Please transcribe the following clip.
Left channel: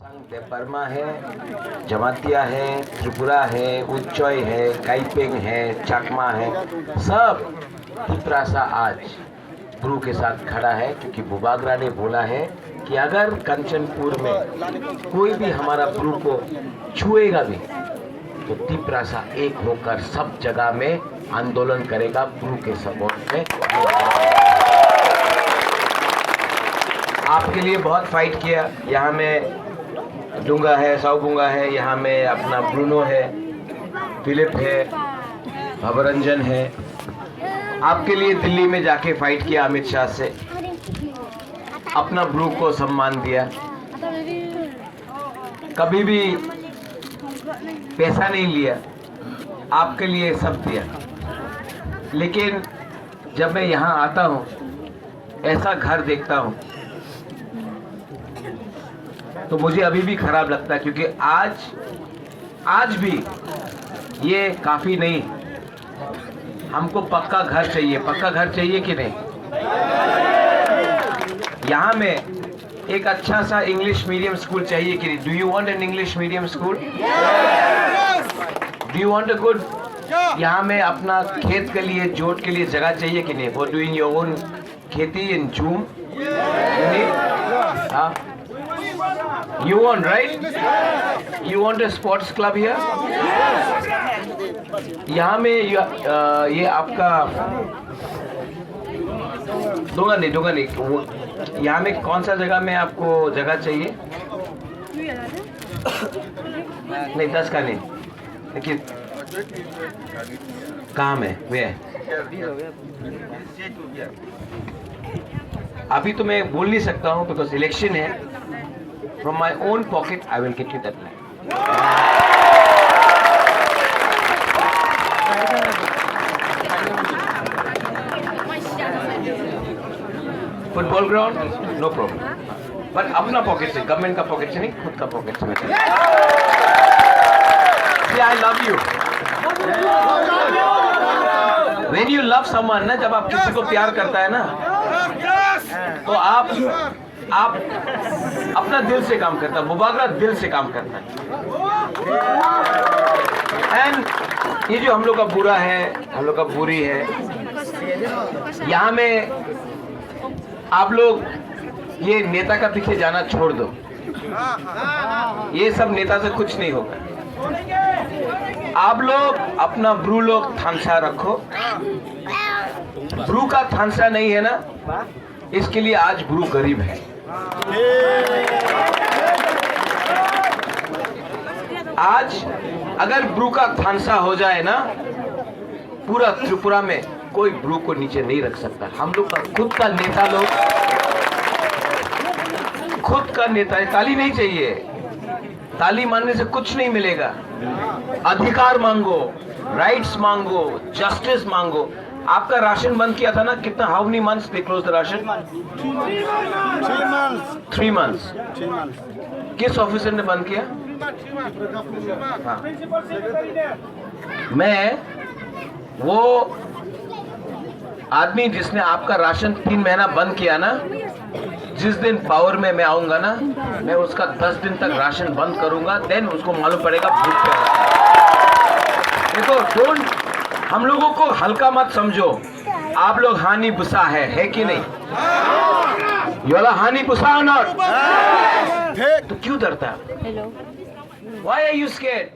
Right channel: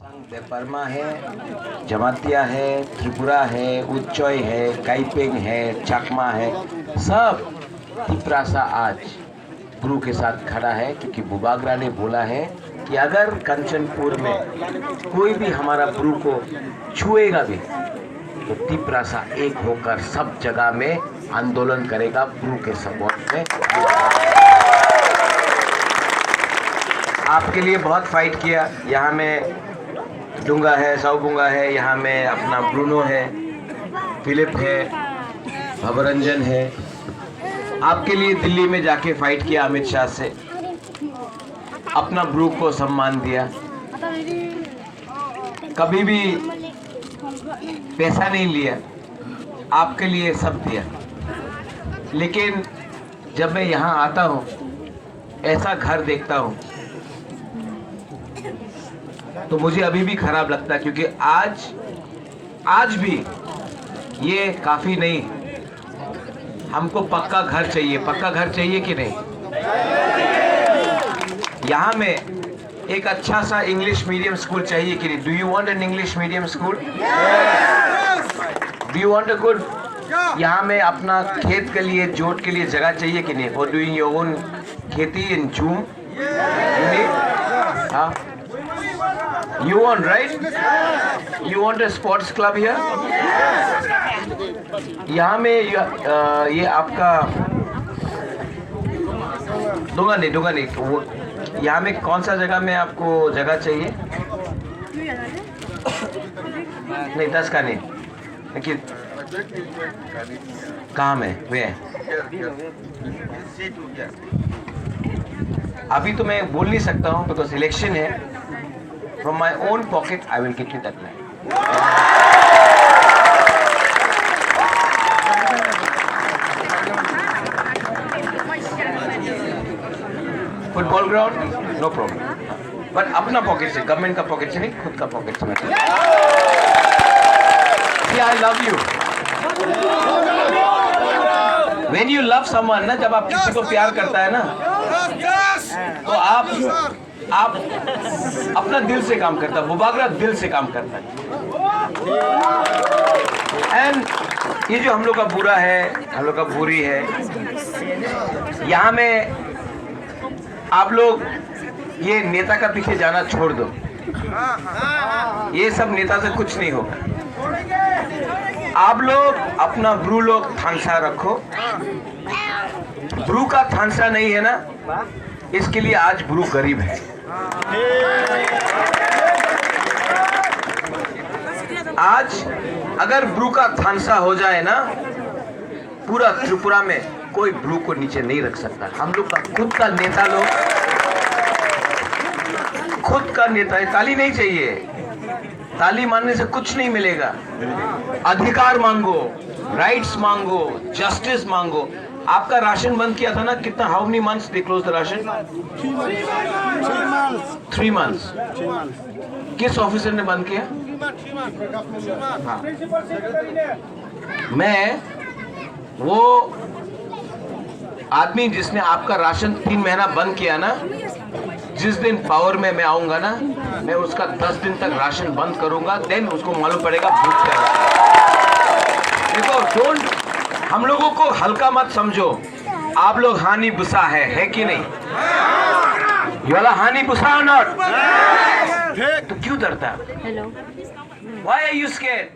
देपरमा है, जमातिया है, त्रिपुरा है, उच्चोय है, काइपेंग है, चकमा है, सब तिपरासा आज ब्रू के साथ खड़ा है क्योंकि बुबागरा ने बोला है कि अगर कंचनपुर में कोई भी हमारा ब्रू को छुएगा भी तो तिपरासा एक होकर सब जगह में आंदोलन करेगा ब्रू के सपोर्ट में। आपके लिए बहुत फाइट किया। यहाँ में डूंगा है, साउबुंगा है, यहाँ में अपना ब्रूनो है, फिलिप है, भवरंजन है। आपके लिए दिल्ली में जाके फाइट किया अमित शाह से, अपना ब्रू को सम्मान दिया, कभी भी पैसा नहीं लिया, आपके लिए सब दिया। लेकिन जब मैं यहाँ आता हूँ, ऐसा घर देखता हूँ तो मुझे अभी भी खराब लगता है क्योंकि आज भी ये काफ़ी नहीं, हमको पक्का घर चाहिए। पक्का घर चाहिए कि नहीं? यहाँ में एक अच्छा सा इंग्लिश मीडियम स्कूल चाहिए कि नहीं? Do you want an English medium school? Do you want a good? यहाँ में अपना खेत के लिए, जोत के लिए जगह चाहिए कि नहीं? फॉर डूइंग योर ओन खेती इन जूम। हाँ, you want, right? You want a sports club here? यहाँ में ये आपका दूंगा नहीं तो यहाँ में कौन सा जगह में आपको जगह चाहिए? नहीं, 10 का नहीं, लेकिन कहाँ में वे है? अभी तो मैं बोल नहीं सकता हूँ बिकॉज इलेक्शन है। From my own pocket, I will get you that land. Football ground, no problem. But अपना pocket से, government का pocket से नहीं, खुद का pocket से। See, I love you. When you love someone, ना, जब आप किसी को प्यार करता है ना, तो आप अपना दिल से काम करता है। बुबागरा दिल से काम करता है। एंड ये जो हम लोग का बुरा है, हम लोग का बुरी है, यहाँ में आप लोग ये नेता का पीछे जाना छोड़ दो। ये सब नेता से कुछ नहीं होगा। आप लोग अपना ब्रू लोग थानसा रखो। ब्रू का थानसा नहीं है ना, इसके लिए आज ब्रू गरीब है। आज अगर ब्रू का थानसा हो जाए ना, पूरा त्रिपुरा में कोई ब्रू को नीचे नहीं रख सकता। हम लोग का खुद का नेता लोग, खुद का नेता है। ताली नहीं चाहिए, ताली मानने से कुछ नहीं मिलेगा। अधिकार मांगो, राइट्स मांगो, जस्टिस मांगो। आपका राशन बंद किया था ना, कितना, how many months they close the ration? 3 months। किस ऑफिसर ने बंद किया? हाँ, मैं वो आदमी जिसने आपका राशन 3 महीना बंद किया ना, जिस दिन पावर में मैं आऊंगा ना, मैं उसका 10 दिन तक राशन बंद करूंगा। देन उसको मालूम पड़ेगा भूख क्या है। देखो, हम लोगों को हल्का मत समझो। आप लोग हानि बुसा है कि नहीं? ये वाला हानि बुसा नॉट, तो क्यों डरता है? Why are you scared?